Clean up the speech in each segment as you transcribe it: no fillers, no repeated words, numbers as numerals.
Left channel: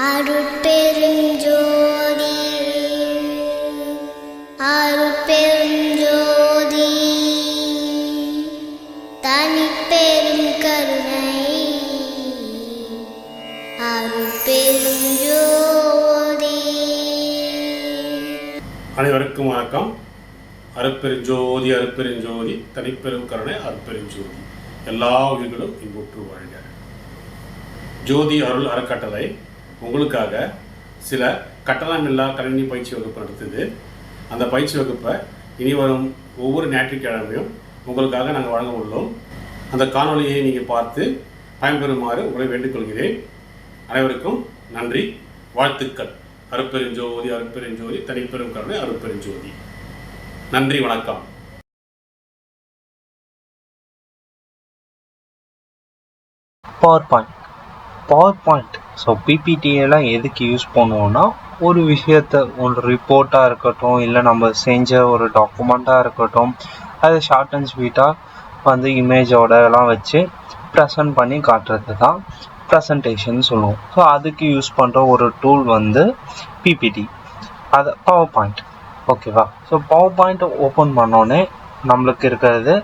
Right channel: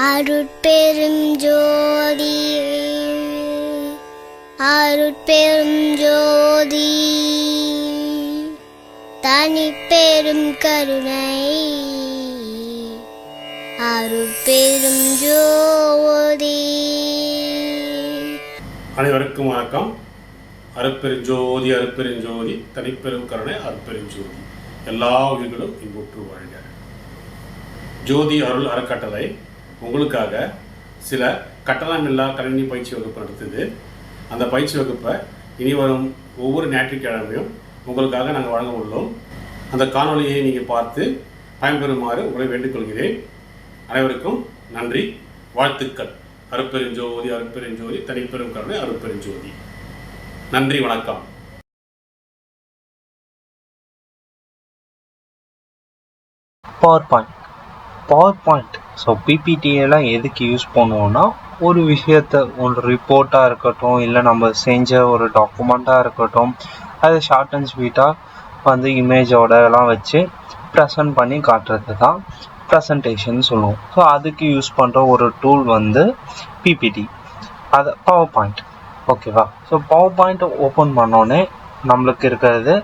அருட்பெரும் ஜோதி அருட்பெரும் ஜோதி தனிப்பெரும் கருணை அருட்பெரும் ஜோதி. அனைவருக்கும் வணக்கம். அருட்பெருஞ்சோதி அருட்பெருஞ்சோதி தனிப்பெரும் கருணை அருட்பெருஞ்சோதி. எல்லா உயிர்களும் இன்புற்று வாழ்க. ஜோதி அருள் அறக்கட்டளை உங்களுக்காக சில கட்டணமில்லா கணினி பயிற்சி வகுப்பு நடத்துது. அந்த பயிற்சி வகுப்பை இனி வரும் ஒவ்வொரு ஞாயிற்றுக்கிழமையும் உங்களுக்காக நாங்கள் வழங்க உள்ளோம். அந்த காணொலியை நீங்கள் பார்த்து பயன்பெறுமாறு உங்களை வேண்டிக்கொள்கிறேன். அனைவருக்கும் நன்றி, வாழ்த்துக்கள். அருட்பெருஞ்சோதி அருட்பெருஞ்சோதி தனிப்பெரும் கருணை அருட்பெருஞ்சோதி. நன்றி, வணக்கம். பவர் பாயிண்ட் ஸோ பிபிடியெல்லாம் எதுக்கு யூஸ் பண்ணுவோன்னா, ஒரு விஷயத்தை ஒரு ரிப்போர்ட்டாக இருக்கட்டும், இல்லை நம்ம செஞ்ச ஒரு டாக்குமெண்ட்டாக இருக்கட்டும், அதை ஷார்ட் அண்ட் ஸ்வீட்டாக வந்து இமேஜோட எல்லாம் வச்சு ப்ரெசன்ட் பண்ணி காட்டுறது தான் ப்ரெசன்டேஷன் சொல்லுவோம். ஸோ அதுக்கு யூஸ் பண்ணுற ஒரு டூல் வந்து பிபிடி, அது பவர் பாயிண்ட். ஓகேவா? ஸோ பவர் பாயிண்ட் ஓப்பன் பண்ணோன்னே நம்மளுக்கு இருக்கிறது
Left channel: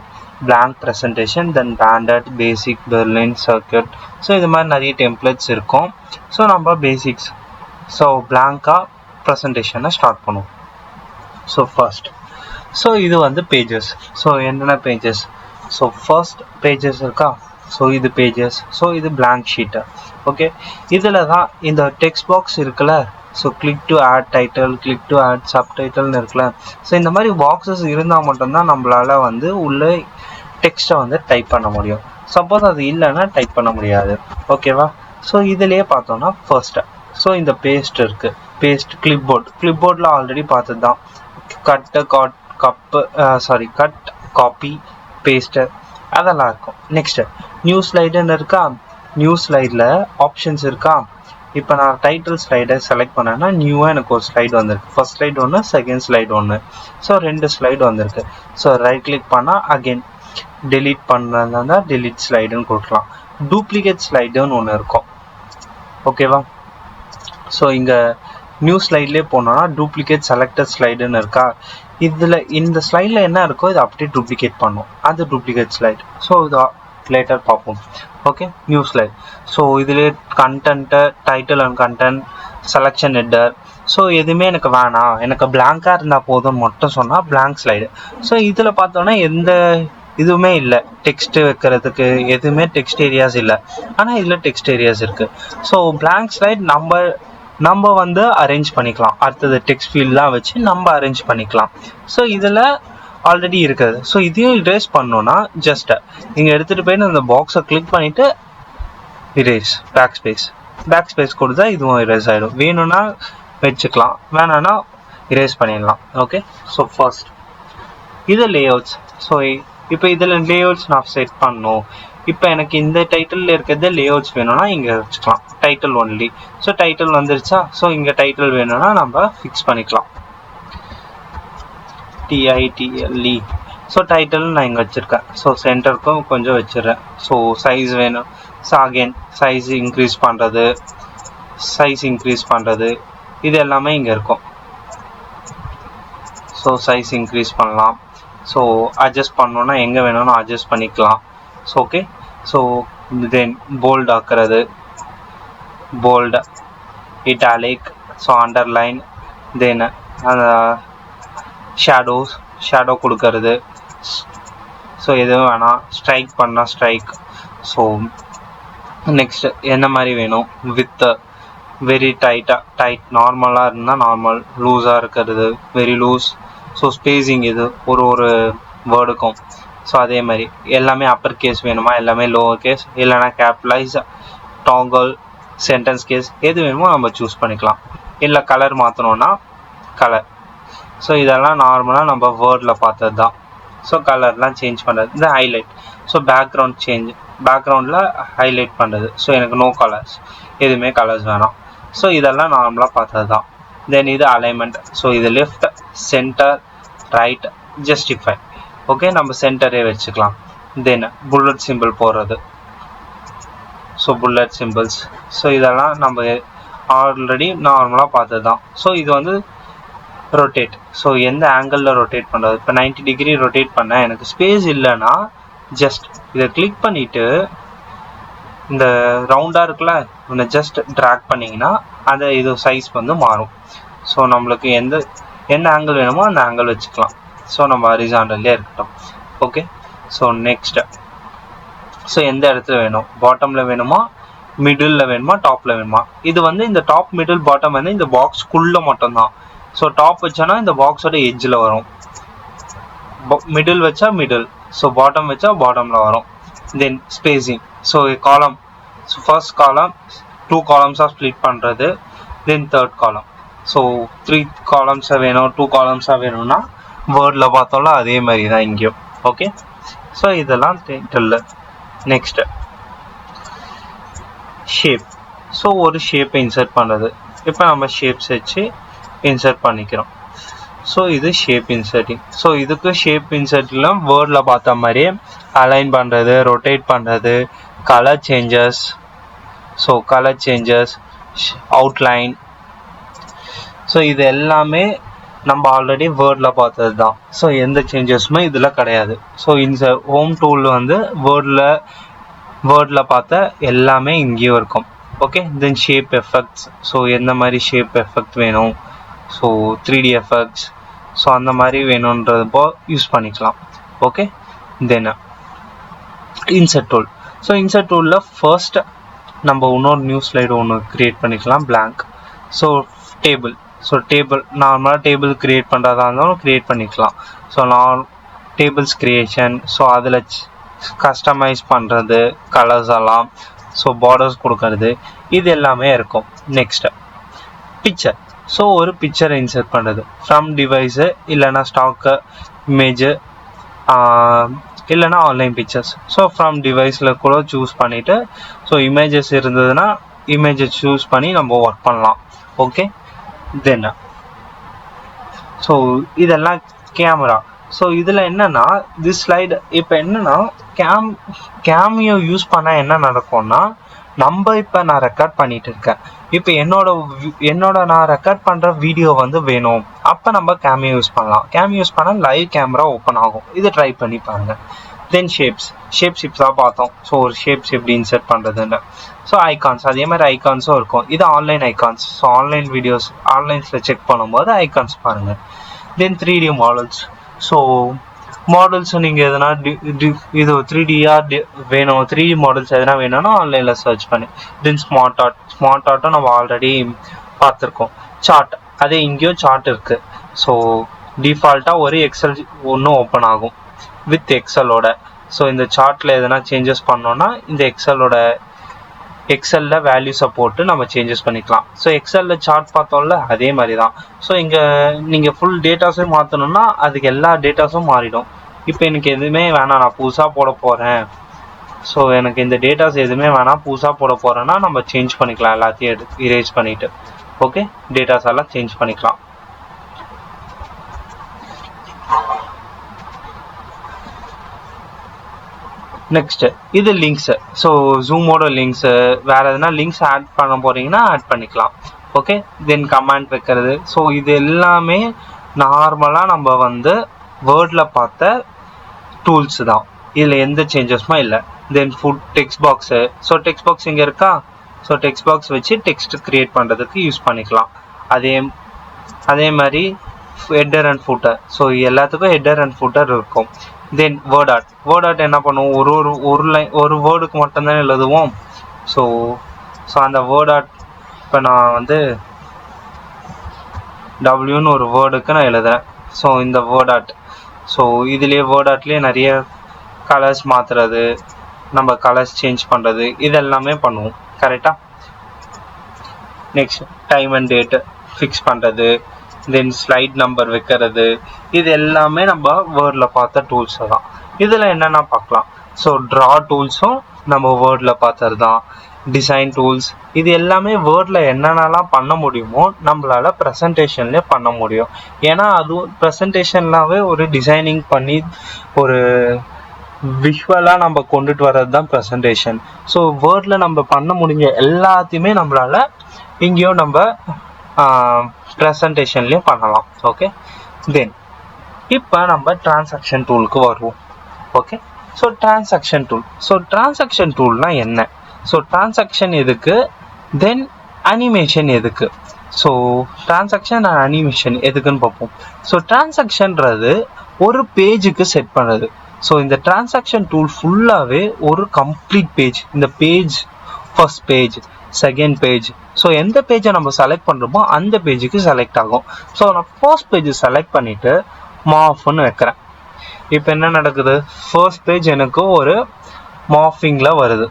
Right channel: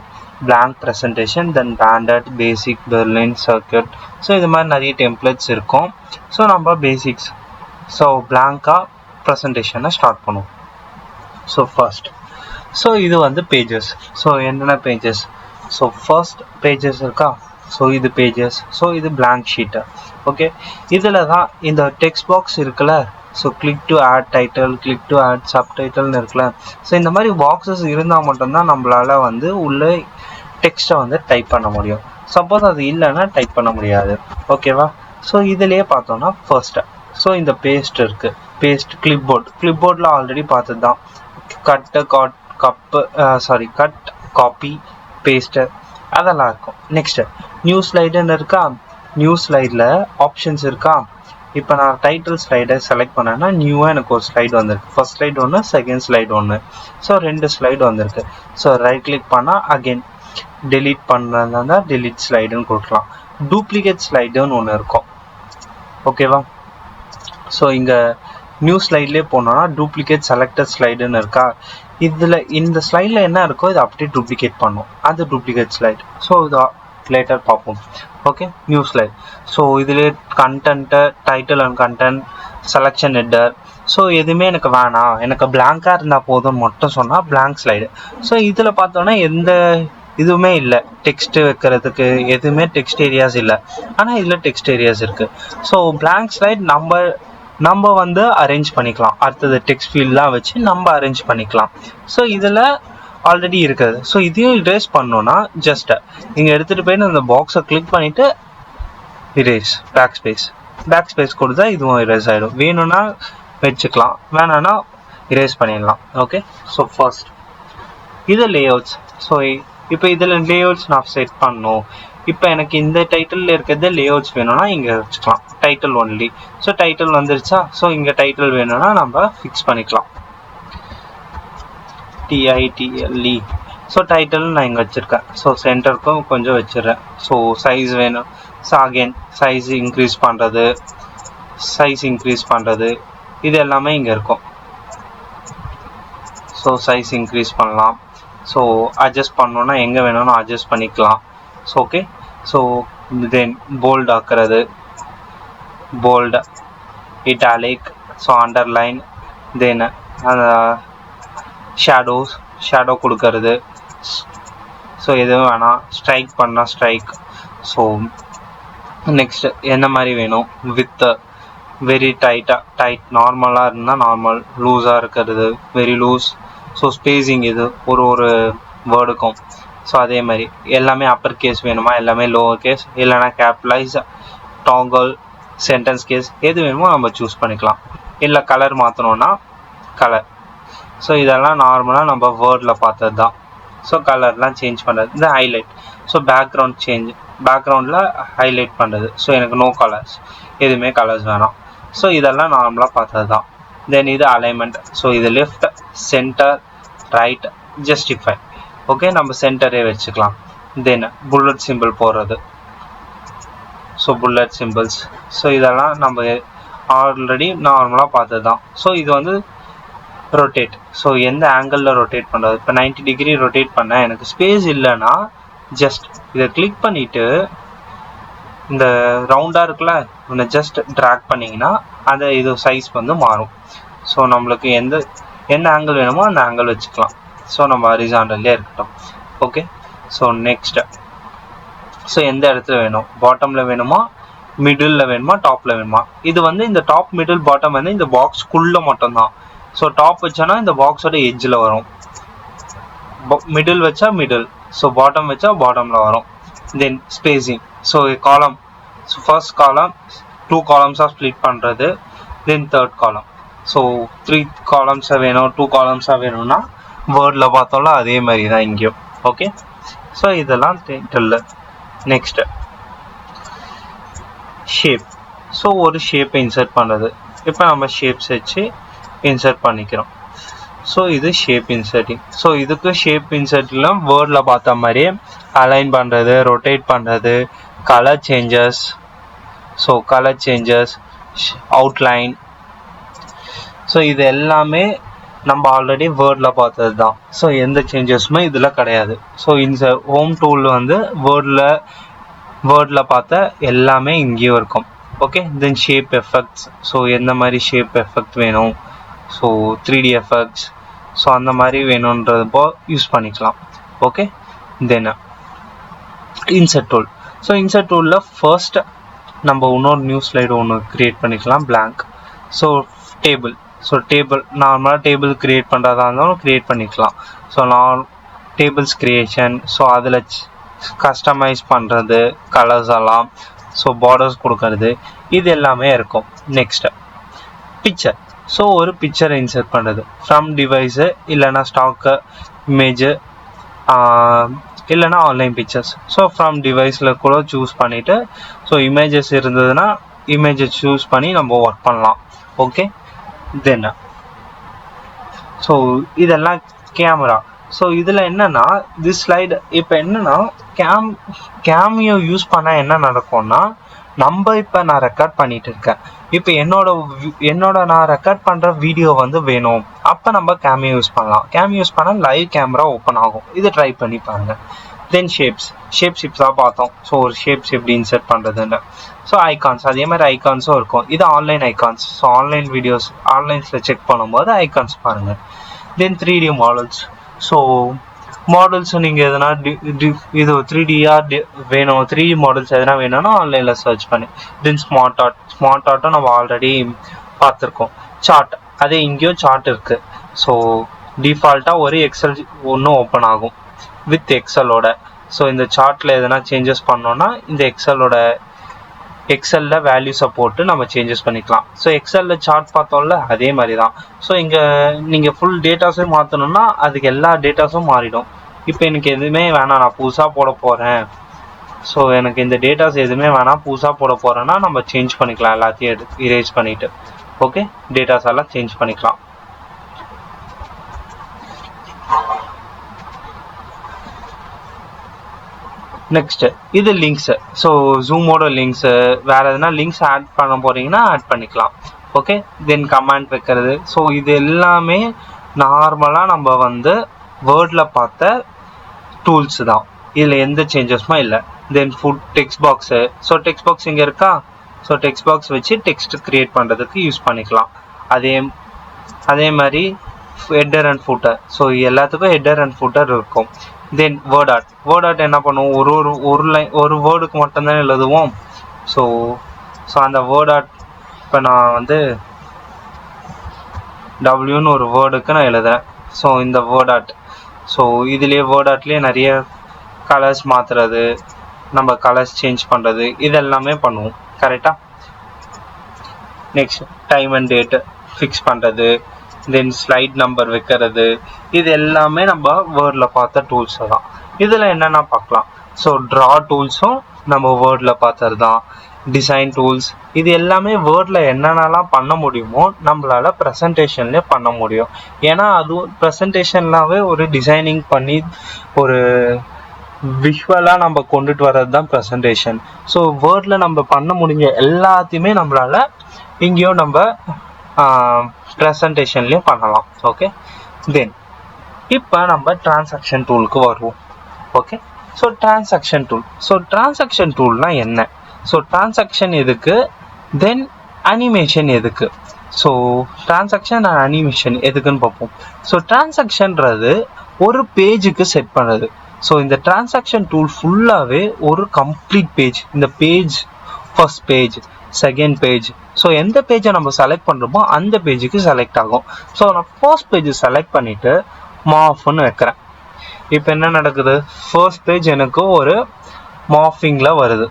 blank presentation, then standard, basic, berlin, circuit. So இது மாதிரி நிறைய டெம்ப்ளேட்ஸ் இருக்கும். ஸோ நம்ம பேசிக்ஸ் ஸோ பிளாங்காக ப்ரெசன்டேஷனை ஸ்டார்ட் பண்ணுவோம். ஸோ ஃபர்ஸ்ட் இது வந்து பேஜஸ். ஸோ என்னென்ன பேஜஸ்? ஸோ ஃபர்ஸ்ட் பேஜஸ் இருக்கா? ஸோ இது பேஜஸ். ஸோ இது blank ஷீட்டு. ஓகே, இதில் தான் இந்த டெக்ஸ்ட் பாக்ஸ் இருக்குல்ல. So click to add title, click to add சப்டைட்டில்னு இருக்குல்ல. ஸோ இந்த மாதிரி பாக்ஸஸ் இருந்தால் மட்டும்தான் நம்மளால் வந்து உள்ளே டெக்ஸ்ட்டை வந்து டைப் பண்ண முடியும். சப்போஸ் அது இல்லைன்னா டைப் பண்ண முடியாது. ஓகேவா? ஸோ இதிலேயே பார்த்தோன்னா ஃபர்ஸ்ட்டு இந்த பேஸ்ட் இருக்குது. பேஸ்ட் கிளிப்போர்டில் ஆல்ரெடி பார்த்தது தான். கட் காப்பி பேஸ்ட்டு அதெல்லாம் இருக்கும். நெக்ஸ்ட்டு நியூ ஸ்லைடுன்னு இருக்கா? நியூ ஸ்லைடில் ஆப்ஷன்ஸ் இருக்கா? இப்போ நான் டைட்டில் ஸ்லைடை செலக்ட் பண்ணேன்னா நியூவாக எனக்கு ஒரு ஸ்லைடு வந்திருக்கு. ஃபர்ஸ்ட் ஸ்லைடு ஒன்று, செகண்ட் ஸ்லைடு ஒன்று. ஸோ 2 ஸ்லைடு வந்திருக்கு. ஸோ ரைட் கிளிக் பண்ணால் அகெயின் டெலீட் பண்ணுறதா டெலீட் ஸ்லைடுன்னு கொடுக்கலாம். டூப்ளிகேட் ஸ்லைடுன்னு ஒன்று இருக்கும். ஓகேவா? ஸோ இங்கே நியூ ஸ்லைட்லேயே போனோம்னா டூப்ளிகேட் செலக்டட் ஸ்லைடுன்னு இருக்கா? இதில் இந்த ஸ்லைடில் என்ன இருக்கோ இதை அப்படியே டூப்ளிகேட் பண்ணும், அது டூப்ளிகேட் ஸ்லைடு. ஸோ இதை லேட்டர் பார்ப்போம். Okay, new slide. ஸோ இதிலே content, title and content, selection header. So எதுவுமே எனக்கு வேணாம், எனக்கு பிளாங்காக இருந்தால் போதும்னு மட்டும் சொன்னால் பிளாங்க் ஸ்லைடு. ஸோ இதில் பார்த்தோன்னா எந்த இதுவுமே இல்லை, டெக்ஸ்ட் வைக்கிறதுக்கு எதுவுமே டெக்ஸ்ட் ஏரியாஸ் இல்லை. ஆனால் இதில் டெக்ஸ்ட் ஏரியாஸ் இருக்குது. ஸோ பிளாங்க் ஸ்லைட் நம்ம வந்து அரேஞ்ச் பண்ணிக்கலாம். அடுத்தது டெக்ஸ்ட் ஃபீல்ட்லாம் வச்சு நம்ம அரேஞ்ச் பண்ணிக்கலாம். ஸோ இதில் ஆல்ரெடி இருக்குது. ஸோ இதையும் இரேஸ் பண்ணோன்னா ஜஸ்ட் நீங்கள் எடுத்துகிட்டு போயிட்டு அந்த பாக்ஸை கிளிக் பண்ணிவிட்டு இரேஸ், பேக் ஸ்பேஸ் கொடுத்தா இதுவும் இரேஸ் ஆகிடும். வேணும்னா வச்சுக்கலாம், வேணான்னா இரேஸ் பண்ணிடலாம். ஓகே, ஸோ ஃபர்ஸ்ட் இது லேஅவுட்ஸ். ஸோ இப்போ இதில் லேஅவுட்ஸ் நான் செட் பண்ணுவோம். இப்போ எனக்கு இந்த டைட்டில் இருக்கிறது லேஅவுட்ஸ் வேணும்னா இங்கே வச்சுக்கலாம், டைட்டில் ஒன்லி. ஸோ டைட்டில் வந்துருச்சா? ஸோ இங்கே டைட்டில் வேணும்னா நம்ம ஃபிக்ஸ் பண்ணிக்கலாம், TITLE. ஸோ டைட்டில் நான் இங்கே வச்சுருக்கேன். ஸோ சென்டருக்கும் கொஞ்சம் வச்சிடுறேன். ஸோ சைஸ் வேணும். ஸோ அகெயின் சைஸ் இன்க்ரீஸ் பண்ணுறது இது எல்லாமே இங்கே இருக்கும். ஸோ சைஸ் இன்க்ரீஸ் பண்ணலாம். ஸோ அட்ஜஸ்ட் பண்ணோன்னா எங்கே வேணும்னு அட்ஜஸ்ட் பண்ணிக்கலாம். So okay, so then bold ஆக்குறது, bold, italic, so underline, then shadow கொடுக்கறது. ஸோ எதுவும் வேணாம், ஸ்ட்ரைக் பண்ணால் ஸ்ட்ரைக். ஸோ நெக்ஸ்ட் என்ன மாதிரி வேணும்? வித் வெரி டைட், நார்மலாக இருந்தால் நார்மல், லூஸாக இருக்கிறது வெரி லூஸ். ஸோ ஸ்பேஸிங் இது ஒரு வேர்டுக்கும். ஸோ அதே மாதிரி எல்லாமே அப்பர் கேஸ் வேணுமா, எல்லாமே லோவர் கேஸ், இல்லைனா கேப்லைஸ், டாங்கல், சென்டென்ஸ் கேஸ், எது வேணுமோ நம்ம சூஸ் பண்ணிக்கலாம். இல்லை கலர் மாற்றணுன்னா கலர். ஸோ இதெல்லாம் நார்மலாக நம்ம வேர்டில் பார்த்தது தான். ஸோ கலர்லாம் சேஞ்ச் பண்ணுறது. இந்த ஹைலைட், ஸோ பேக்ரவுண்டில் ஹைலைட் பண்ணுறது. ஸோ எனக்கு நோ கலர்ஸ், எதுவுமே கலர்ஸ் வேணாம். ஸோ இதெல்லாம் நார்மலாக பார்த்தது தான். தென் இது அலைன்மெண்ட். ஸோ இது left, centre, right, justify. Okay, நம்ம சென்டரே வச்சுக்கலாம். தென் புல்லட் சிம்பிள் போடுறது. So bullet symbols. ஸோ இதெல்லாம் நம்ம ஆல்ரெடி நார்மலாக பார்த்தது தான். ஸோ இது வந்து ரொட்டேட். ஸோ எந்த ஆங்கிளில் ரொட்டேட் பண்ணுறது, இப்போ 90 டிகிரி ரொட்டேட் பண்ண எனக்கு ஸ்பேஸ் இல்லைன்னா ஜஸ்ட் இதை கிளிக் பண்ணிவிட்டு இந்த ரவுண்டாக இருக்குல்ல ஒன்று ஜஸ்ட் ட்ராக் பண்ணிங்கன்னா அந்த இது சைஸ் வந்து மாறும். ஸோ நம்மளுக்கு என்ன ஆங்கிள் வேணுமோ அந்த ஆங்கிள் வச்சுக்கலாம். ஸோ நம்ம ஹரிசாண்டல்லே இருக்கட்டும். ஓகே. ஸோ நெக்ஸ்ட், ஸோ எந்த இடத்துல வேணும், பாட்டமில் வேணுமா, மிடில் வேணுமா, டாப்பில் வேணுமா. இது வந்து இந்த டாப் மிடில் பாட்டம் வந்து இந்த பாக்ஸ்க்குள்ளே மட்டும்தான். ஸோ டாப் வச்சோன்னா இந்த பாக்ஸோட எட்ஜில் வரும், மிடில் வச்சா மிடில், ஸோ பாட்டம் வச்சா பாட்டமில் வரும். தென் ஸ்பேசிங், ஸோ காலம், ஸோ ஃபர்ஸ்ட் காலம் 2 காலம்ஸாக ஸ்ப்ளிட் பண்ணுறது. தென் தேர்ட் காலம், ஸோ 3 காலம்ஸாக வேணும், 2 காலம்ஸாக வேணும்னா போர்டில் பார்த்தோம்னா அதே மாதிரி தான் இங்கேயும். ஓகே. ஸோ இதெல்லாம் நெக்ஸ்ட் ஷேப். ஸோ ஒரு ஷேப்பை இன்சர்ட் பண்ணுறது. இப்போ நம்ம ஷேப்ஸ் வச்சு இன்சர்ட் பண்ணிக்கிறோம். ஸோ இது ஷேப் இன்சர்ட்டிங். ஸோ இதுக்கு ஷேப் இன்சர்ட்லாம் வேர்டில் பார்த்த மாதிரியே அலைன் பண்ணுறது, ரொட்டேட் பண்ணுறது, colour changes, so colour changes, outline, so இது எல்லாமே நம்ம ஆல்ரெடி வேர்டில் பார்த்தது தான். ஸோ எந்த சேஞ்சஸுமே இதில் கிடையாது. ஸோ இந்த ஹோம் டூல் வந்து வேர்டில் பார்த்த எல்லாமே இங்கேயும் இருக்கும். ஓகே. தென் ஷேப் எஃபெக்ட்ஸ். ஸோ எந்த மாதிரி ஷேப் எஃபெக்ட் வேணும், ஸோ 3D எஃபெக்ட்ஸ், ஸோ இந்த மாதிரி first so table. So table நார்மலாக டேபிள் கிரியேட் பண்ணுறதா இருந்தாலும் கிரியேட் பண்ணிக்கலாம். ஸோ நான் டேபிள்ஸ் கிரியேஷன், ஸோ அதில் கஸ்டமைஸ் பண்ணுறது, கலர்ஸ் எல்லாம், ஸோ பார்டர்ஸ் கொடுக்கறது, இது எல்லாமே இருக்கும். Next picture. ஸோ ஒரு பிக்சரை இன்சர்ட் பண்ணுறது ஃப்ரம் டிவைஸு, இல்லைனா ஸ்டாக்கு இமேஜு, இல்லைனா ஆன்லைன் பிக்சர்ஸ். ஸோ ஃப்ரம் டிவைஸில் கூட சூஸ் பண்ணிவிட்டு, ஸோ இமேஜஸ் இருந்ததுன்னா இமேஜை சூஸ் பண்ணி நம்ம ஒர்க் பண்ணலாம். ஓகே. தென் ஸோ இதெல்லாம் கேமரா. ஸோ இதில் என்னென்னா இது ஸ்லைடு. இப்போ என்னென்னா கேமியோ யூஸ் பண்ணால் என்ன நடக்கும்னா, நம்ம இப்போ நான் ரெக்கார்ட் பண்ணிட்டு இருக்கேன், இப்போ என்னோட நான் ரெக்கார்ட் பண்ணுற வீடியோ வந்து வேணும், அப்போ நம்ம கேமியோ யூஸ் பண்ணலாம். கேமியோ யூஸ் பண்ணால் லைவ் கேமரா ஓப்பன் ஆகும். இது ட்ரை பண்ணி பாருங்க. தென் ஷேப்ஸாக பார்த்தோம். ஸோ ஒரு ஷேப்ஸ் எப்படி இன்சர்ட் பண்ணுறதுன்னு. ஸோ ஐகான்ஸ், அதே மாதிரி ஐகான்ஸும் இருக்கும். இது online icons. So online videos ஆன்லைன்ஸில் செக் பண்ணும்போது ஐகான்ஸ் பாருங்கள். Then 3D models. So models நீங்கள் எதனா இது 3Dயாக வேணும், 3D மாடல்ஸ் எதனா வேணும்னா ஆன்லைனில் சர்ச் பண்ணி. தென் ஸ்மார்ட் ஆர்ட்டும் நம்ம ஆல்ரெடி பார்த்துருக்கோம். சார்ட், அதே இங்கேயும் சார்ட் இருக்குது. ஸோ டிஃபால்ட்டாக ஒரு எக்ஸல் ஒன்று ஓப்பன் ஆகும் வித் எக்ஸலோட. ஸோ இந்த சார்ட்டில் எதனா சேஞ்சஸ் பண்ணோன்னா இந்த எக்ஸலில் வேல்யூஸை போட்டு நம்ம சேஞ்சஸ் பண்ணிக்கலாம். ஸோ எக்ஸலில் சார்ட் பார்த்தோம்ல அதே மாதிரி தான். ஸோ இங்கே நீங்கள் ஃபுல் டேட்டாஸும் மாற்றணுன்னா அதுக்கு எல்லா டேட்டாஸும் மாறிடும். இப்போ எனக்கு எதுவுமே வேணாம், நான் புதுசாக போட போகிறேன், ஸோ எனக்கு இந்த டேட்டாஸ் எதுவுமே வேணாம், புதுசாக போட போகிறேன்னா நம்ம சேஞ்ச் பண்ணிக்கலாம். எல்லாத்தையும் இரேஸ் பண்ணிவிட்டு ஓகே டேட்டாஸ் எல்லாம் சேஞ்ச் பண்ணிக்கலாம். நெக்ஸ்ட் இது லிங்க்ஸு. ஸோ ஜூமோட லிங்க்ஸு, வேறு எதுனா லிங்க்ஸ் ஆட் பண்ண போகிறீங்கன்னா ஆட் பண்ணிக்கலாம். ஓகே. தென் கமெண்ட் வைக்கிறது. ஸோ இது எல்லாமே நார்மலாக நம்ம வந்து வேர்டில் பார்த்த டூல்ஸ் தான். இதில் எந்த சேஞ்சஸுமே இல்லை. Then foot text box. So text box இங்கே இருக்கா. ஸோ டெக்ஸ்ட் பாக்ஸ் வச்சு டெக்ஸ்ட் கிரியேட் பண்ணுறதுக்கு யூஸ் பண்ணிக்கலாம். அதே மாதிரி ஹெட்டர் அண்ட் ஃபூட்டர். ஸோ எல்லாத்துக்கும் ஹெட்டர் அண்ட் ஃபூட்டர் இருக்கும். தென் வேர்ட் ஆர்ட் என்ன பண்ணுவோம், ஒரு வேர்டுக்கு மட்டும்தான் எழுதுவோம். ஸோ அந்த வேர்ட் ஆர்ட் இப்போ நான் வந்து டபிள்யூன்னு ஒரு வேர்டுக்கு நான் எழுதுறேன். ஸோ இந்த வேர்ட் ஆர்ட். ஸோ இதுலேயே வேர்ட் ஆர்ட்லேயே நிறைய கலர்ஸ் மாற்றுறது, நம்ம கலர்ஸ் சேஞ்ச் பண்ணுறது, இது எல்லாமே பண்ணுவோம். கரெக்டாக. Next time and date fix பண்ணுறது, தென் ஸ்லைட் நம்பர் வைக்கிறது, இது எல்லாமே நம்ம வேர்டில் பார்த்த டூல்ஸ் தான். இதில் என்னென்ன பார்க்கலாம். ஸோ ட்ரா டூல்ஸும் நம்ம வேர்டில் பார்த்தது தான். டிசைன் டூல்ஸ், இது எல்லாமே வேர்டில் என்னென்னலாம் பண்ண முடியுமோ நம்மளால் ப்ரெசன்டேஷன்லேயே பண்ண முடியும். ஏன்னா அதுவும் ப்ரெசன்டேஷன்லாவே ஒரு டிசைனிங் பண்ணி ஒரு விஷுவலாக நம்ம கொண்டுட்டு வர்றது தான் ப்ரெசன்டேஷன். ஸோ வேர்டில் நம்ம பண்ண முடிஞ்ச எல்லாத்தையுமே நம்மளால் இங்கேயும் நம்ம ப்ரெசன்டேஷன்லேயும் பண்ணலாம். ஓகே, தென் இப்போ நம்ம டிரான்சாக்ஷன் டூலுக்கு வருது. டிரான்சாக்ஷன் எதுக்கு, தென் அனிமேஷன் எதுக்கு? ஸோ டிரான்சாக்ஷன் அண்ட் அனிமேஷன் எதுக்குன்னு பார்ப்போம். ஸோ டிரான்சாக்ஷன்றது ஒரு பேஜுக்கு செட் பண்ணுறது. ஸோ இந்த டிரான்சாக்ஷன் டூல் ஃபுல்லாகவே ஒரு கம்ப்ளீட் பேஜ். இந்த page first page, second page, so எந்த பேஜை நம்ம செலக்ட் பண்ணுறோமோ அந்த பேஜுக்கு செலக்ட் ஆகும். ஸோ நான் ஃபர்ஸ்ட் பேஜை செலக்ட் பண்ணிவிட்டு மாஃப்னு வைக்கிறேன். இப்போ என்ன நடக்குது, ஃபர்ஸ்ட் பேஜ் எனக்கு ஒரு மார்ஃபிங்கில் வருது,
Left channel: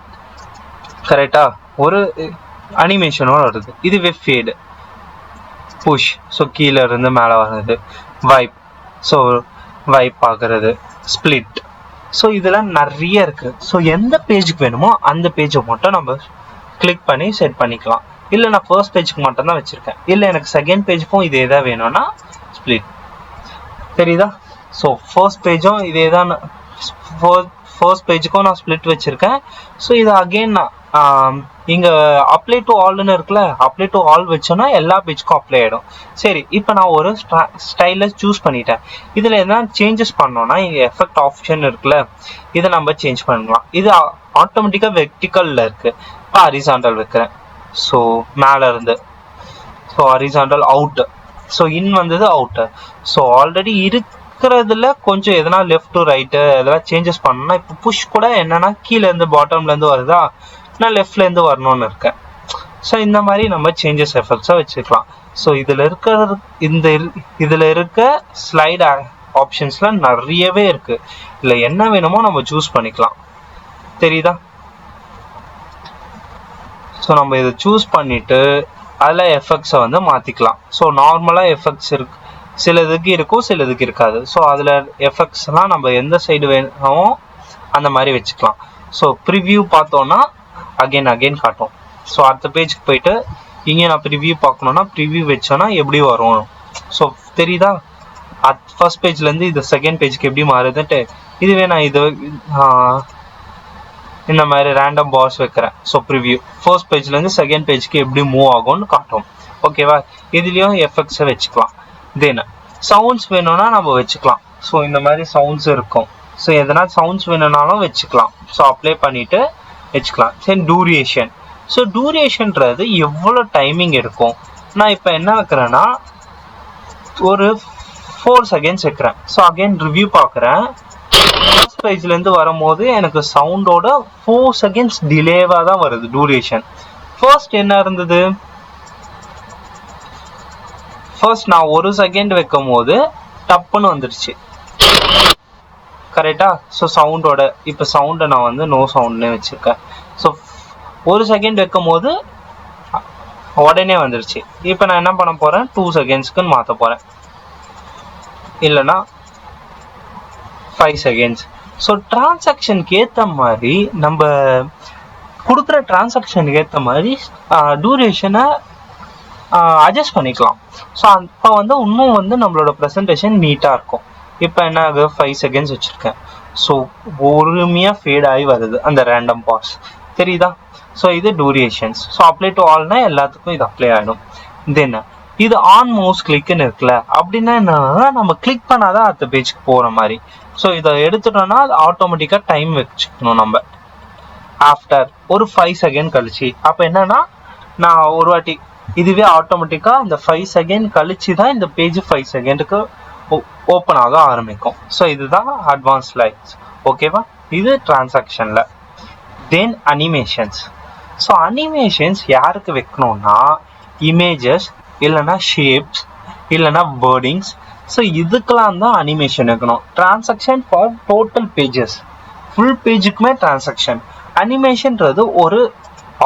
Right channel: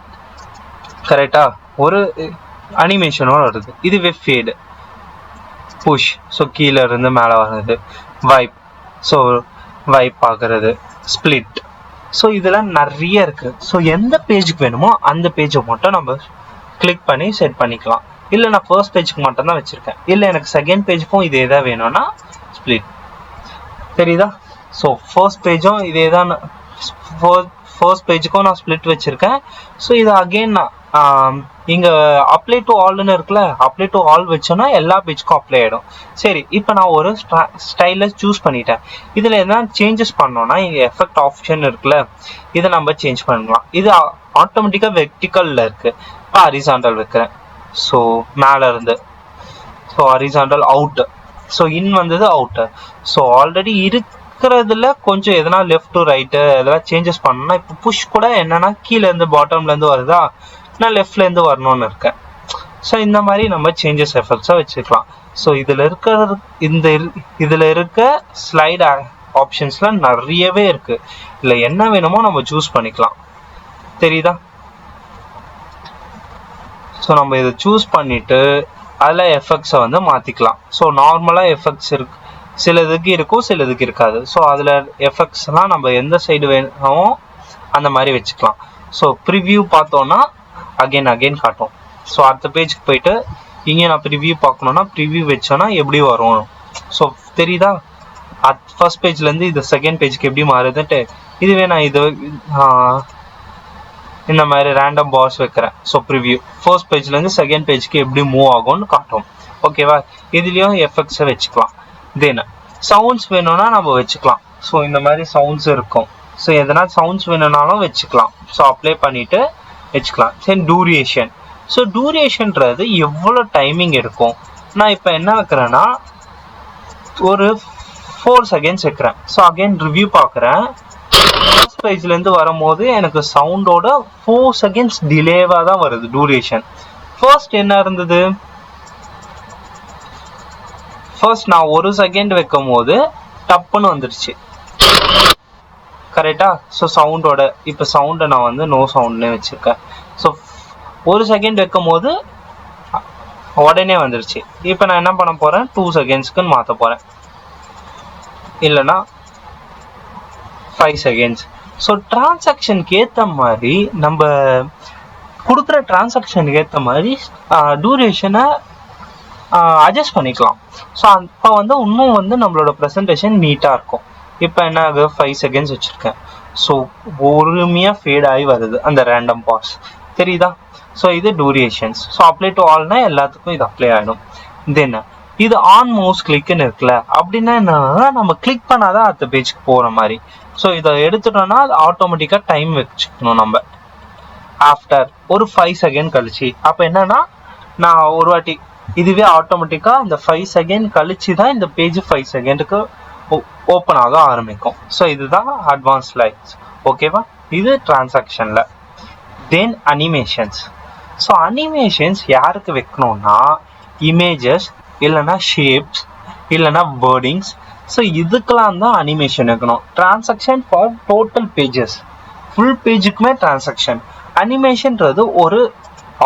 கரெக்டா? ஒரு அனிமேஷனோட வருது. இதுவே ஃபேடு, புஷ், ஸோ கீழே இருந்து மேலே வர்றது, வைப், ஸோ வைப் ஆகுறது, ஸ்பிளிட், ஸோ இதெல்லாம் நிறைய இருக்கு. ஸோ எந்த பேஜுக்கு வேணுமோ அந்த பேஜை மட்டும் நம்ம கிளிக் பண்ணி செட் பண்ணிக்கலாம். இல்லை நான் ஃபர்ஸ்ட் பேஜ்க்கு மட்டும் தான் வச்சிருக்கேன், இல்லை எனக்கு செகண்ட் பேஜுக்கும் இதே தான் வேணும்னா ஸ்பிளிட். சரிதா? ஸோ ஃபர்ஸ்ட் பேஜும் இதே தான், ஃபர்ஸ்ட் பேஜுக்கும் நான் ஸ்பிளிட் வச்சிருக்கேன். ஸோ இது அகெயின் நான் இங்க அப்ளை டு ஆல்னு இருக்குல்ல, அப்ளை டு ஆல் வச்சோன்னா எல்லா பேஜுக்கும் அப்ளை ஆயிடும். சரி, இப்போ நான் ஒரு ஸ்டைல சூஸ் பண்ணிட்டேன். இதுல என்ன சேஞ்சஸ் பண்ணோம்னா இங்க எஃபெக்ட் ஆப்ஷன் இருக்குல்ல, இதை நம்ம சேஞ்ச் பண்ணலாம். இது ஆட்டோமேட்டிக்கா வெர்டிக்கல்ல இருக்கு. இப்போ ஹரிசாண்டல் வைக்கிறேன். ஸோ மேல இருந்து, so horizontal out, so in வந்தது அவுட். ஸோ ஆல்ரெடி இருக்கிறதுல கொஞ்சம் எதனா லெஃப்ட் டு ரைட்டு எதனா சேஞ்சஸ் பண்ணணும்னா, இப்போ புஷ் கூட என்னன்னா கீழே இருந்து பாட்டம்ல இருந்து வருதா, நான் லெஃப்ட்ல இருந்து வரணும்னு இருக்கேன். ஸோ இந்த மாதிரி நம்ம சேஞ்சஸ் எஃபெக்ட்ஸா வச்சுக்கலாம். ஸோ இதுல இருக்க ஸ்லைட் ஆப்ஷன்ஸ்லாம் நிறையவே இருக்கு. இதுல என்ன வேணுமோ நம்ம சூஸ் பண்ணிக்கலாம். தெரியுதா? ஸோ நம்ம இதை சூஸ் பண்ணிட்டு அதில் எஃபெக்ட்ஸ் வந்து மாத்திக்கலாம். ஸோ நார்மலா எஃபெக்ட்ஸ் இருக்கு, சில இதுக்கு இருக்கும், சில இதுக்கு இருக்காது. ஸோ அதுல எஃபெக்ட்ஸ்லாம் நம்ம எந்த சைடு வேணுமோ அந்த மாதிரி வச்சுக்கலாம். ஸோ ப்ரிவியூ பார்த்தோம்னா அகைன் காட்டும். ஸோ அடுத்த பேஜுக்கு போயிட்டு இங்கே நான் ப்ரிவியூ பார்க்கணும்னா ப்ரிவியூ வச்சோன்னா எப்படி வரும். ஸோ தெரியுதா? ஃபர்ஸ்ட் பேஜ்ல இருந்து இது செகண்ட் பேஜ்க்கு எப்படி மாறுதுன்ட்டு. இதுவே நான் இது இந்த மாதிரி ரேண்டம் பாஸ் வைக்கிறேன். ஸோ ப்ரிவியூ ஃபர்ஸ்ட் பேஜ்ல இருந்து செகண்ட் பேஜ்க்கு எப்படி மூவ் ஆகும்னு காட்டும். ஓகேவா? இதுலயும் எஃபெக்ட்ஸை வச்சுக்கலாம். தென் சவுண்ட்ஸ் வேணும்னா நம்ம வச்சுக்கலாம். ஸோ இந்த மாதிரி சவுண்ட்ஸ் இருக்கும். ஸோ எதனா சவுண்ட்ஸ் வேணும்னாலும் வச்சுக்கலாம். ஸோ அப்ளை பண்ணிட்டு வச்சுக்கலாம். சரி, டூரேஷன். ஸோ டூரேஷன்றது எவ்வளோ டைமிங் எடுக்கும். நான் இப்போ என்ன ஆக்குறேன்னா ஒரு 4 செகண்ட்ஸ் வைக்கிறேன். ஸோ அகைன் ரிவ்யூ பார்க்குறேன். ஃபர்ஸ்ட் பேஜ்லேருந்து வரும்போது எனக்கு சவுண்டோட 4 செகண்ட்ஸ் டிலேவாக தான் வருது டூரேஷன். ஃபர்ஸ்ட் என்ன இருந்தது, ஃபர்ஸ்ட் நான் 1 செகண்ட் வைக்கும் போது டப்புன்னு வந்துடுச்சு, கரெக்டா? ஸோ சவுண்டோட இப்போ சவுண்டை நான் வந்து நோ சவுண்ட்னே வச்சிருக்கேன். ஸோ 1 செகண்ட் வைக்கும் போது உடனே வந்துருச்சு. இப்போ நான் என்ன பண்ண போறேன், 2 செகண்ட்ஸ்க்குன்னு மாற்ற போறேன், இல்லைன்னா 5 செகண்ட்ஸ். ஸோ டிரான்சாக்ஷனுக்கு ஏற்ற மாதிரி நம்ம கொடுக்குற டிரான்சாக்ஷனுக்கு ஏற்ற மாதிரி டூரேஷனை அட்ஜஸ்ட் பண்ணிக்கலாம். ஸோ அப்போ வந்து இன்னும் வந்து நம்மளோட ப்ரெசன்டேஷன் நீட்டாக இருக்கும். இப்போ என்ன ஆகுது, 5 செகண்ட்ஸ் வச்சுருக்கேன். ஸோ பொறுமையாக ஃபேட் ஆகி வருது அந்த ரேண்டம் பாஸ், தெரியுதா? ஸோ இது டூரேஷன்ஸ். ஸோ அப்ளை டு ஆல்னா எல்லாத்துக்கும் இது அப்ளை ஆகிடும். தென் இது ஆன் மவுஸ் கிளிக்னு இருக்குல்ல, அப்படின்னா என்னன்னா நம்ம கிளிக் பண்ணாதான் அடுத்த பேஜ்க்கு போகிற மாதிரி. ஸோ இதை எடுத்துட்டோம்னா ஆட்டோமேட்டிக்காக டைம் வச்சுக்கணும் நம்ம. ஆஃப்டர் ஒரு 5 செகண்ட் கழிச்சு, அப்போ என்னன்னா நான் ஒரு வாட்டி இதுவே ஆட்டோமேட்டிக்கா இந்த 5 செகண்ட் கழிச்சு தான் இந்த பேஜ் 5 செகண்டுக்கு ஓப்பன் ஆக ஆரம்பிக்கும். ஸோ இதுதான் அட்வான்ஸ் லைன்ஸ். ஓகேவா? இது டிரான்சாக்ஷன்ல. தென் அனிமேஷன்ஸ். ஸோ அனிமேஷன்ஸ் யாருக்கு வைக்கணும்னா இமேஜஸ் இல்லைன்னா ஷேப்ஸ் இல்லைன்னா வேர்டிங்ஸ். ஸோ இதுக்கெல்லாம் தான் அனிமேஷன் வைக்கணும். Transaction for total pages, full பேஜுக்குமே டிரான்சாக்ஷன். அனிமேஷன்றது ஒரு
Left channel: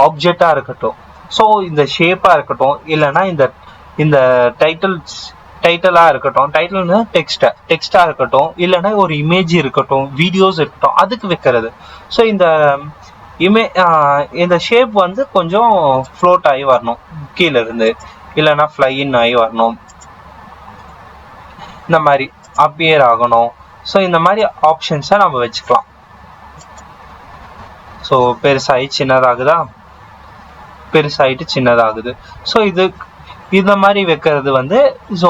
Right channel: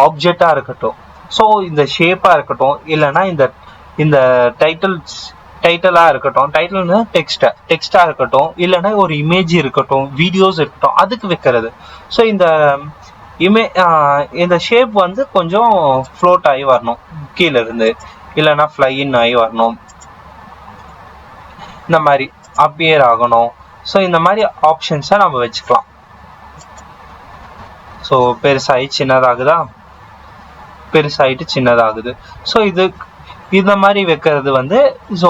ஆப்ஜெக்டாக இருக்கட்டும், ஸோ இந்த ஷேப்பாக இருக்கட்டும், இல்லைன்னா இந்த டைட்டிலாக இருக்கட்டும், டைட்டில்னு டெக்ஸ்டாக இருக்கட்டும், இல்லைன்னா ஒரு இமேஜ் இருக்கட்டும், வீடியோஸ் இருக்கட்டும், அதுக்கு வைக்கிறது. ஸோ இந்த ஷேப் வந்து கொஞ்சம் ஃப்ளோட் ஆகி வரணும் கீழே இருந்து, இல்லைன்னா ஃப்ளைன் ஆகி வரணும், இந்த மாதிரி அப்பியர் ஆகணும். ஸோ இந்த மாதிரி ஆப்ஷன்ஸை நம்ம வச்சுக்கலாம். ஸோ பெருசாகி சின்னதாகுதா? பெருசாயிட்டு சின்னதாகுது. ஸோ இத மாதிரி வைக்கிறது வந்து ஸோ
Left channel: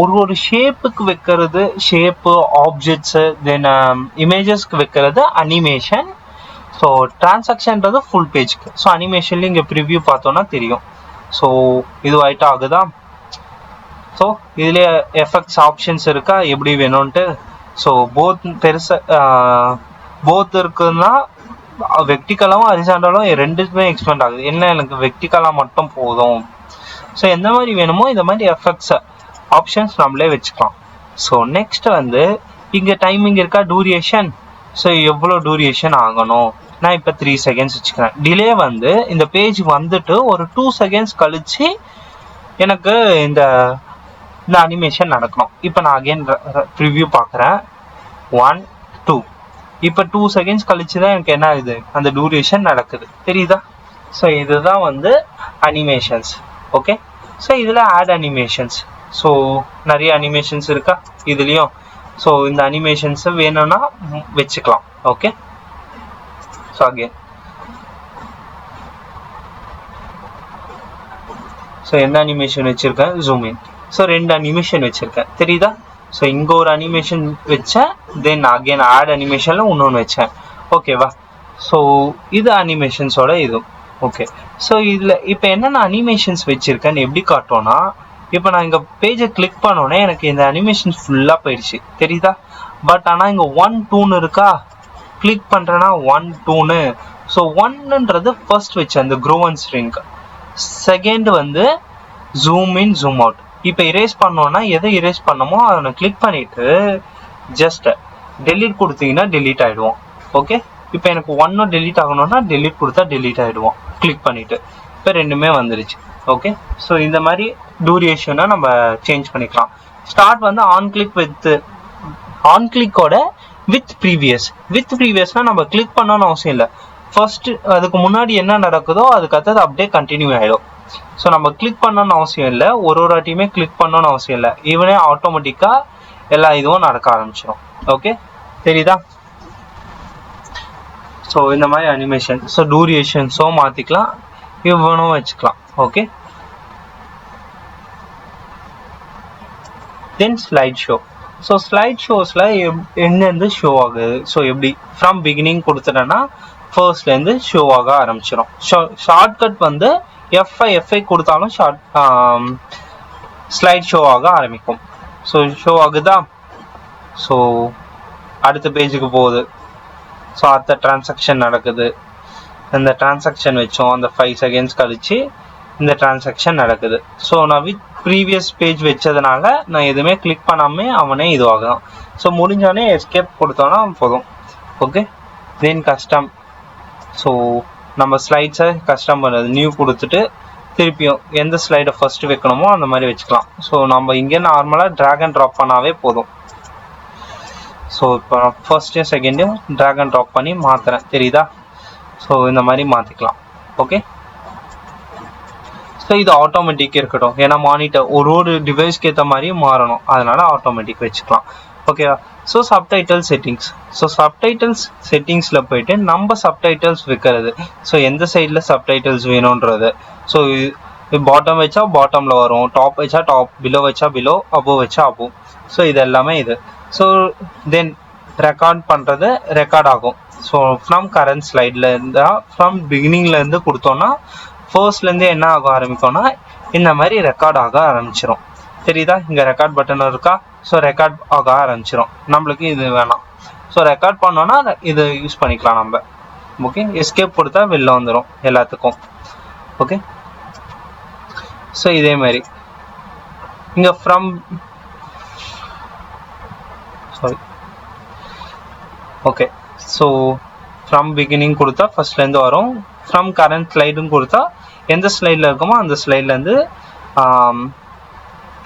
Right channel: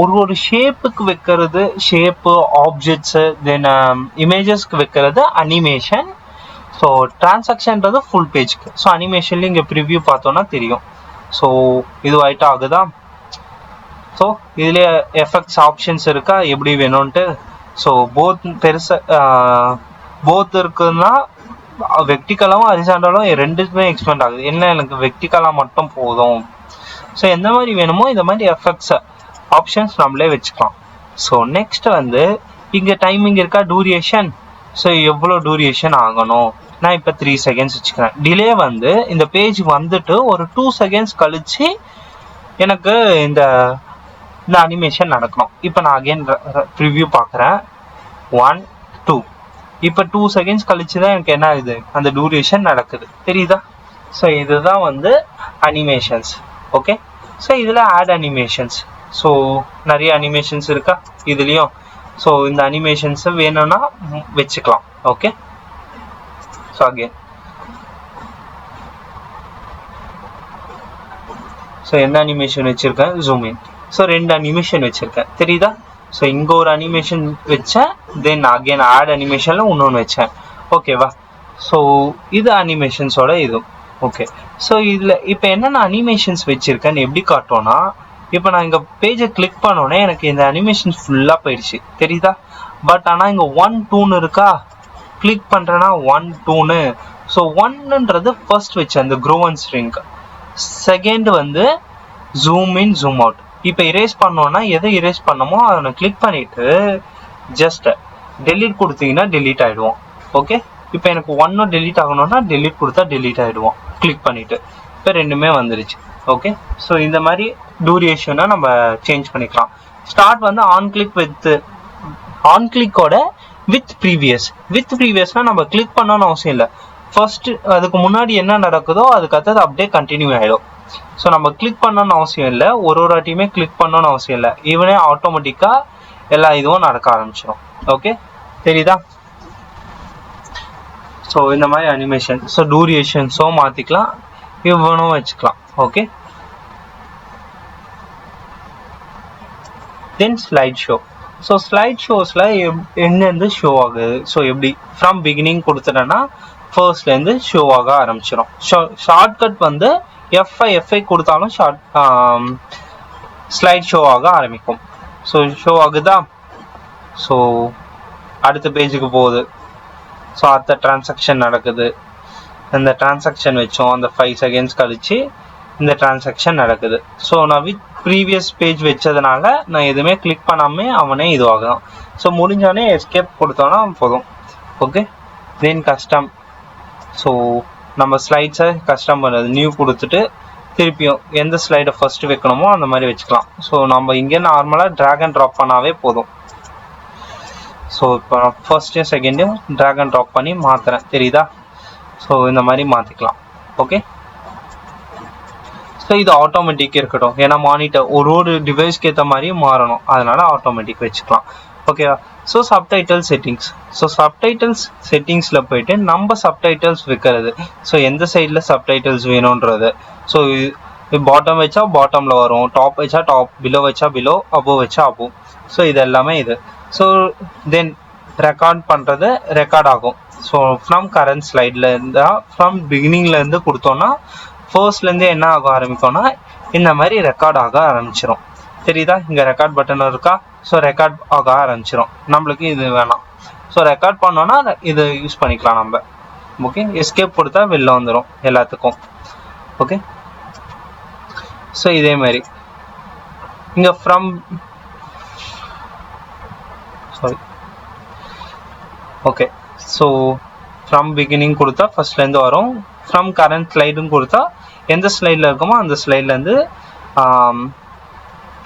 ஒரு ஷேப்புக்கு வைக்கிறது, ஷேப்பு, ஆப்ஜெக்ட்ஸு, தென் இமேஜஸ்க்கு வைக்கிறது அனிமேஷன். ஸோ டிரான்சாக்ஷன்றது ஃபுல் பேஜ்க்கு. ஸோ அனிமேஷன்ல இங்கே ப்ரிவ்யூ பார்த்தோன்னா தெரியும். ஸோ இது ஆயிட்டா அதுதான். ஸோ இதில் எஃபெக்ட்ஸ் ஆப்ஷன்ஸ் இருக்கா எப்படி வேணும்ன்ட்டு. ஸோ போத் இருக்குன்னா வெர்டிகலாவும் ஹரிசாண்டலும் ரெண்டுக்குமே எக்ஸ்பேண்ட் ஆகுது. என்ன எனக்கு வெர்டிகலா மட்டும் போதும். ஸோ எந்த மாதிரி வேணுமோ இந்த மாதிரி எஃபெக்ட்ஸ் ஆப்ஷன்ஸ் நம்மளே வச்சுக்கலாம். ஸோ நெக்ஸ்ட் வந்து இங்கே டைமிங் இருக்கா, டூரியேஷன். ஸோ எவ்வளோ டூரியேஷன் ஆகணும், நான் இப்போ 3 செகண்ட்ஸ் வச்சுக்கிறேன். டிலே வந்து இந்த பேஜ் வந்துட்டு ஒரு 2 செகண்ட்ஸ் கழிச்சு எனக்கு இந்த அனிமேஷன் நடக்கணும். இப்போ நான் அகைன் ப்ரிவ்யூ பார்க்குறேன். 1 2 இப்போ 2 செகண்ட்ஸ் கழிச்சு தான் எனக்கு என்ன ஆகுது, அந்த டூரேஷன் நடக்குது. தெரியுதா? ஸோ இதுதான் வந்து அனிமேஷன்ஸ். ஓகே. ஸோ இதில் ஆட் அனிமேஷன்ஸ். ஸோ நிறைய அனிமேஷன்ஸ் இருக்கா இதுலேயும். ஸோ இந்த அனிமேஷன்ஸ் வேணும்னா வச்சுக்கலாம். ஓகே. ஸோ அகைன் ஸோ என்ன அனிமேஷன் வச்சுருக்கேன், ஜூம் இன். ஸோ 2 அனிமேஷன் வச்சுருக்கேன். தெரியுதா? ஸோ இங்கே ஒரு அனிமேஷன் வச்சேன், தென் அகைன் ஆட் அனிமேஷனில் இன்னொன்று வச்சேன். ஓகேவா? ஸோ இது அனிமேஷன்ஸோட இது. ஓகே. ஸோ இதில் இப்போ என்னென்ன அனிமேஷன்ஸ் வச்சுருக்கேன்னு எப்படி காட்டோன்னா, இப்போ நான் இங்கே பேஜை கிளிக் பண்ணோன்னே எனக்கு இந்த அனிமேஷன்ஸ் ஃபுல்லாக போயிடுச்சு. தெரியுதா? பட் ஆனால் இங்கே 1 2 இருக்கா, கிளிக் பண்ணுறேன்னா 1 2. ஸோ 1ன்றது ஃபர்ஸ்ட் வச்சேன் அந்த க்ரோ அண்ட் ஸ்ட்ரிங்க். செகண்ட் வந்து ஜூம் இன் ஜூம் அவுட். இப்போ இரேஸ் பண்ணோன்னா எதை இரேஸ் பண்ணமோ அதை கிளிக் பண்ணிட்டு ஜஸ்ட் டெலீட் கொடுத்தீங்கன்னா டெலீட் ஆகிடுவோம். ஓகே. இப்போ எனக்கு 1 டெலீட் ஆகணும்னா டெலீட் கொடுத்தா டெலீட் ஆகிடுவோம் கிளிக் பண்ணிட்டு. இப்போ 2மே வந்துருச்சு. ஓகே. ஸோ இந்த மாதிரி டூரேஷனை நம்ம சேஞ்ச் பண்ணிக்கலாம். ஸ்டார்ட் வந்து ஆன் கிளிக்கோட வித் ப்ரீவியஸ்னா நம்ம கிளிக் பண்ணணும்னு அவசியம் இல்லை. ஃபர்ஸ்ட் அதுக்கு முன்னாடி என்ன நடக்குதோ அதுக்கு அடுத்தது அப்படியே கண்டினியூ ஆகிடும். ஸோ நம்ம கிளிக் பண்ணணும்னு அவசியம் இல்லை, ஒரு வாட்டியுமே கிளிக் பண்ணணும்னு அவசியம் இல்லை. ஈவனே ஆட்டோமேட்டிக்காக எல்லா இதுவும் நடக்க ஆரம்பிச்சிடும். ஓகே. தெரியுதா? ஸோ இந்த மாதிரி அனிமேஷன். ஸோ டூரேஷன்ஸும் மாற்றிக்கலாம், இவனும் வச்சுக்கலாம். ஓகே. தென் ஸ்லைட் ஷோ. ஸோ ஸ்லைட் ஷோஸில் எங்கேருந்து ஷோ ஆகுது, ஸோ எப்படி ஃப்ரம் பிகினிங் கொடுத்துட்டேன்னா ஃபர்ஸ்ட்லேருந்து ஷோ ஆக ஆரம்பிச்சிடும். ஷார்ட்கட் வந்து எஃப்ஐ கொடுத்தாலும் ஸ்லைட் ஷோ ஆக ஆரம்பிக்கும். ஸோ ஷோ ஆகுதா? ஸோ அடுத்த பேஜுக்கு போகுது. ஸோ அடுத்த டிரான்சாக்ஷன் நடக்குது. இந்த டிரான்சாக்ஷன் வச்சோம், அந்த 5 செகண்ட்ஸ் கழிச்சு இந்த டிரான்சாக்ஷன் நடக்குது. ஸோ நான் வித் ப்ரீவியஸ் பேஜ் வச்சதுனால நான் எதுவுமே கிளிக் பண்ணாமல் அவனே இதுவாகும். ஸோ முடிஞ்சோடனே எஸ்கேப் கொடுத்தோன்னா போதும். ஓகே. தென் கஸ்டம். ஸோ நம்ம ஸ்லைட்ஸை கஸ்டம் பண்ணுறது, நியூ கொடுத்துட்டு திருப்பியும் எந்த ஸ்லைடை ஃபர்ஸ்ட் வைக்கணுமோ அந்த மாதிரி வச்சுக்கலாம். ஸோ நம்ம இங்கே நார்மலாக ட்ராக் அண்ட் ட்ராப் பண்ணாவே போதும். ஸோ இப்போ ஃபர்ஸ்ட்டையும் செகண்டையும் ட்ராக் அண்ட் ட்ராப் பண்ணி மாற்றுறேன். தெரியுதா? ஸோ இந்த மாதிரி மாற்றிக்கலாம். ஓகே. ஸோ இது ஆட்டோமேட்டிக் இருக்கட்டும், ஏன்னா மானிட்டர் ஒரு டிவைஸ்க்கு ஏற்ற மாதிரி மாறணும், அதனால ஆட்டோமேட்டிக் வச்சுக்கலாம். ஓகேவா? So subtitle settings. So subtitles செட்டிங்ஸில் போயிட்டு நம்ம சப்டைட்டில்ஸ் வைக்கிறது. ஸோ எந்த சைடில் சப்டைட்டில்ஸ் வேணுன்றது. ஸோ பாட்டம் வச்சா பாட்டமில் வரும், டாப் வச்சா டாப், பிலோ வச்சா பிலோ, அபோவ் வச்சா அபோவ். ஸோ இது எல்லாமே இது. ஸோ தென் ரெக்கார்ட் பண்ணுறது ரெக்கார்ட் ஆகும். ஸோ ஃப்ரம் கரண்ட் ஸ்லைடில் இருந்தால் ஃப்ரம் பிகினிங்லேருந்து கொடுத்தோன்னா ஃபர்ஸ்ட்லேருந்து என்ன ஆக ஆரம்பித்தோன்னா இந்த மாதிரி ரெக்கார்ட் ஆக ஆரம்பிச்சிடும். தெரியுதா? இந்த ரெக்கார்ட் பட்டன் இருக்கா? ஸோ ரெக்கார்ட் ஆக ஆரம்பிச்சிடும். நம்மளுக்கு இது வேணாம். ஸோ ரெக்கார்ட் பண்ணோன்னா இதை யூஸ் பண்ணிக்கலாம் நம்ம. ஓகே. எஸ்கேப் கொடுத்தா வெளில வந்துடும் எல்லாத்துக்கும். ஓகே. ஸோ இதே மாதிரி இங்கே from okay. So from beginning கொடுத்தா ஃபர்ஸ்ட்லேருந்து வரும். ஃப்ரம் கரண்ட் ஸ்லைடுன்னு கொடுத்தா எந்த ஸ்லைடில் இருக்குமோ அந்த ஸ்லைட்லேருந்து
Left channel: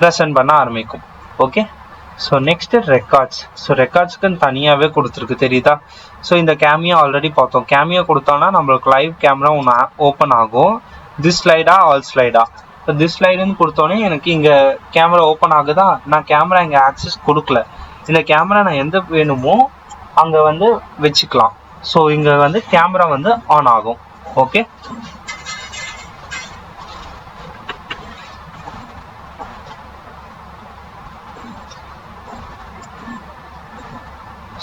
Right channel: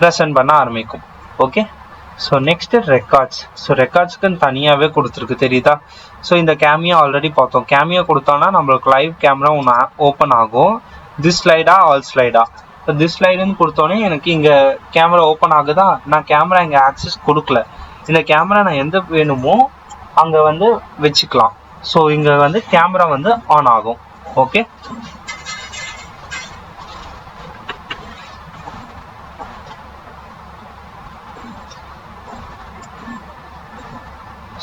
ப்ரெசென்ட் பண்ண ஆரம்பிக்கும். Okay. So next records. So ரெக்கார்ட்ஸ்க்குன்னு தனியாகவே கொடுத்துருக்கு. தெரியுதா? ஸோ இந்த கேமியா ஆல்ரெடி பார்த்தோம். கேமியா கொடுத்தோன்னா நம்மளுக்கு லைவ் கேமரா ஒன்று ஓப்பன் ஆகும். திஸ் ஸ்லைடா ஆல் ஸ்லைடா. இப்போ திஸ் ஸ்லைடுன்னு கொடுத்தோன்னே எனக்கு இங்கே கேமரா ஓப்பன் ஆகுதா. நான் கேமரா இங்கே ஆக்சஸ் கொடுக்கல. இந்த கேமரா நான் எந்த வேணுமோ அங்கே வந்து வச்சுக்கலாம். ஸோ இங்கே வந்து கேமரா வந்து ஆன் ஆகும். ஓகே.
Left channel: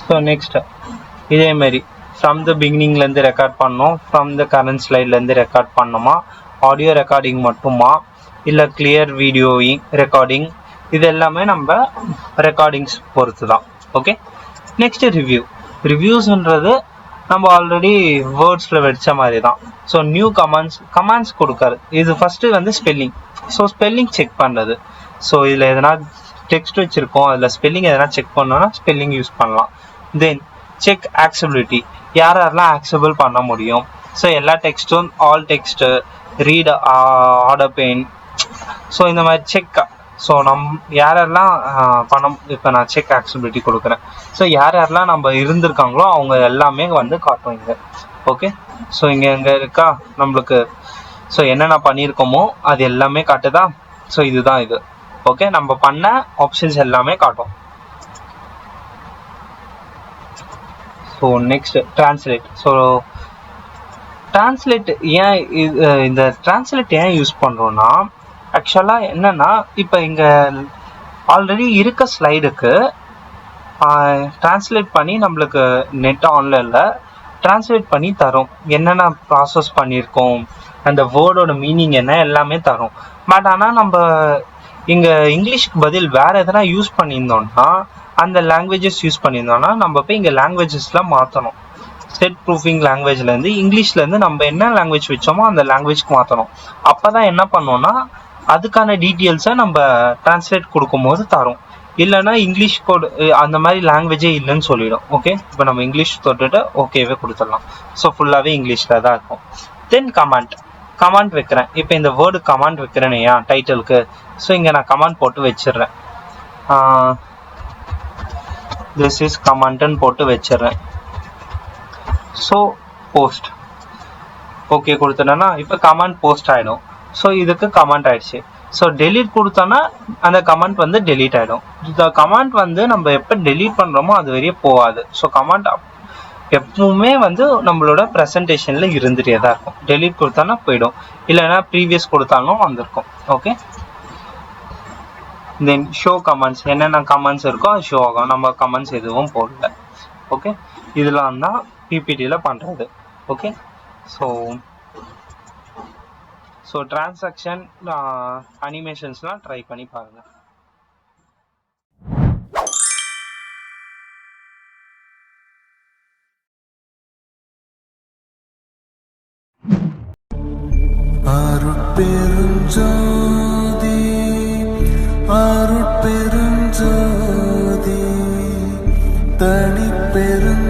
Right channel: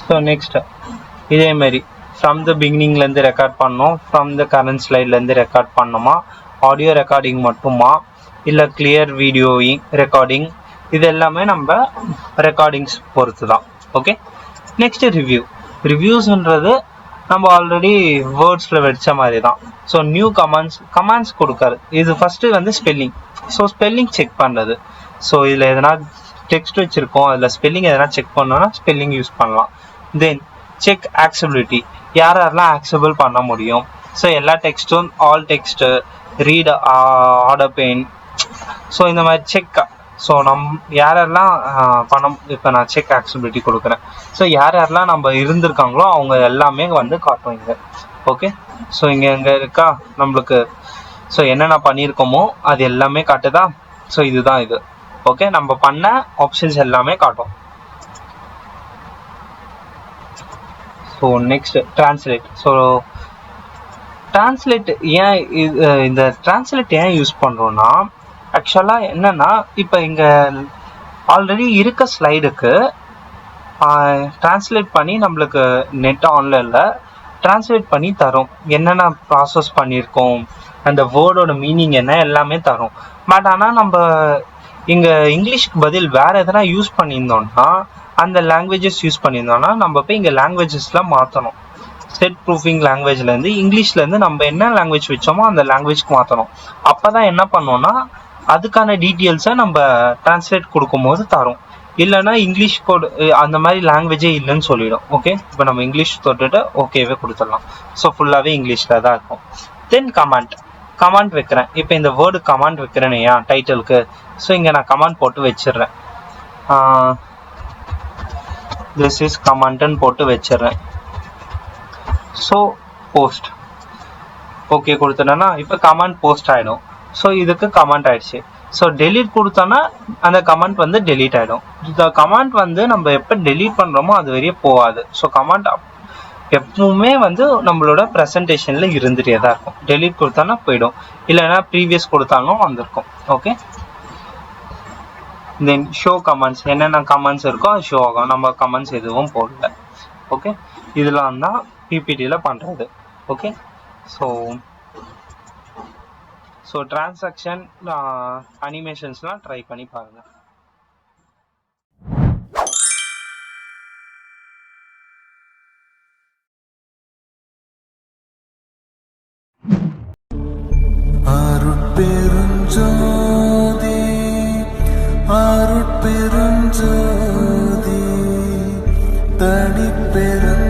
ஸோ நெக்ஸ்ட் இதே மாதிரி ஃப்ரம் த பிகினிங்லேருந்து ரெக்கார்ட் பண்ணோம், ஃப்ரம் த கரண்ட் ஸ்லைட்லேருந்து ரெக்கார்ட் பண்ணோமா, ஆடியோ ரெக்கார்டிங் மட்டுமா இல்லை கிளியர் வீடியோவிங் ரெக்கார்டிங், இது எல்லாமே நம்ம ரெக்கார்டிங்ஸ் பொறுத்து தான். ஓகே, நெக்ஸ்ட் ரிவ்யூஸ்ன்றது நம்ம ஆல்ரெடி வேர்ட்ஸில் வச்ச மாதிரி தான். ஸோ நியூ கமாண்ட்ஸ் கொடுக்காரு. இது ஃபஸ்ட்டு வந்து ஸ்பெல்லிங். ஸோ ஸ்பெல்லிங் செக் பண்ணுறது. ஸோ இதில் எதனா டெக்ஸ்ட் வச்சுருக்கோம், அதில் ஸ்பெல்லிங் எதனா செக் பண்ணோம்னா ஸ்பெல்லிங் யூஸ் பண்ணலாம். தென் செக் ஆக்சபிலிட்டி, யாரெல்லாம் ஆக்சபிள் பண்ண முடியும். ஸோ எல்லா டெக்ஸ்ட்டும் all text read order pane, so இந்த மாதிரி செக். ஸோ யாரெல்லாம் பணம், இப்போ நான் செக் ஆக்சபிலிட்டி கொடுக்குறேன். ஸோ யாரெல்லாம் நம்ம இருந்திருக்காங்களோ அவங்க எல்லாமே வந்து காட்டுவாங்க. ஓகே, ஸோ இங்கே இருக்கா நம்மளுக்கு. ஸோ என்னென்ன பண்ணியிருக்கோமோ அது எல்லாமே காட்டுதா. ஸோ இதுதான் இது. ஓகே, நம்ம பண்ண ஆப்ஷன்ஸ் எல்லாமே காட்டும். So next translate. So translate ஏன் இந்த டிரான்ஸ்லேட் ஏன் யூஸ் பண்ணுறோன்னா, ஆக்சுவலாக என்னன்னா இப்போ இங்கே ஆல்ரெடி இருக்க ஸ்லைடுக்கு டிரான்ஸ்லேட் பண்ணி நம்மளுக்கு நெட் ஆன்லைனில் டிரான்ஸ்லேட் பண்ணி தரும். என்னென்ன ப்ராசஸ் பண்ணியிருக்கோம், அந்த வேர்டோட மீனிங் என்ன எல்லாமே தரும். பட் ஆனால் நம்ம இங்கே இங்கிலீஷ்க்கு பதில் வேறு எதனா யூஸ் பண்ணியிருந்தோம்னா, அந்த லாங்குவேஜஸ் யூஸ் பண்ணியிருந்தோம்னா நம்ம போய் இங்கே லாங்குவேஜஸ்லாம் மாற்றணும். செட் ப்ரூஃபிங் லாங்குவேஜ்லேருந்து இங்கிலீஷ்லேருந்து நம்ம என்ன லாங்குவேஜ் வச்சோமோ அந்த லாங்குவேஜ்க்கு மாற்றணும். அப்போ தான் என்ன பண்ணோம்னா அதுக்கான டீட்டெயில்ஸை நம்ம டிரான்ஸ்லேட் கொடுக்கும்போது தரும். இல்லைன்னா இங்கிலீஷ் கோட் அந்த மாதிரி லாங்குவேஜே இல்லைன்னு சொல்லிடும். ஓகே, இப்போ நம்ம இங்கிலீஷ் தொட்டுட்டு ஓகேவே கொடுத்துடலாம். ஸோ ஃபுல்லாகவே இங்கிலீஷில் தான் இருக்கும். தென் கமாண்ட் வைக்கிறேன். இப்போ இந்த வேர்டு கமாண்ட் வைக்கிறேனே டைட்டிலுக்கு. ஸோ இங்கே நான் கமாண்ட் போட்டு வச்சிடுறேன். திஸ் இஸ் கமாண்ட்னு போட்டு வச்சிடுறேன். ஸோ போஸ்ட் ஓகே கொடுத்துட்டேன்னா இப்போ கமாண்ட் போஸ்ட் ஆகிடும். ஸோ இதுக்கு கமாண்ட் ஆயிடுச்சு. ஸோ டெலீட் கொடுத்தோன்னா அந்த கமாண்ட் வந்து டெலீட் ஆகிடும். இந்த கமாண்ட் வந்து நம்ம எப்போ டெலீட் பண்ணுறோமோ அது வரையே போகாது. ஸோ கமாண்ட் எப்பவுமே வந்து நம்மளோட ப்ரெசன்டேஷனில் இருந்துகிட்டே தான் இருக்கும். டெலீட் கொடுத்தோன்னா போயிடும், இல்லைன்னா ப்ரீவியஸ் கொடுத்தாலும் வந்திருக்கும். ஓகே, தென் ஷோ கமெண்ட்ஸ், என்னென்ன கமெண்ட்ஸ் இருக்கோ அது ஷோ ஆகும். நம்ம கமெண்ட்ஸ் எதுவும் போடல. ஓகே, இதெல்லாம் தான் பிபிடியில் பண்ணுறது. ஓகே, ஸோ டிரான்சாக்ஷன் அனிமேஷன்ஸ்லாம் ட்ரை பண்ணி பாருங்கள். அருட்பெருஞ்சோதி அருட்பெருஞ்சோதி தனிப்பெருஞ்சோதி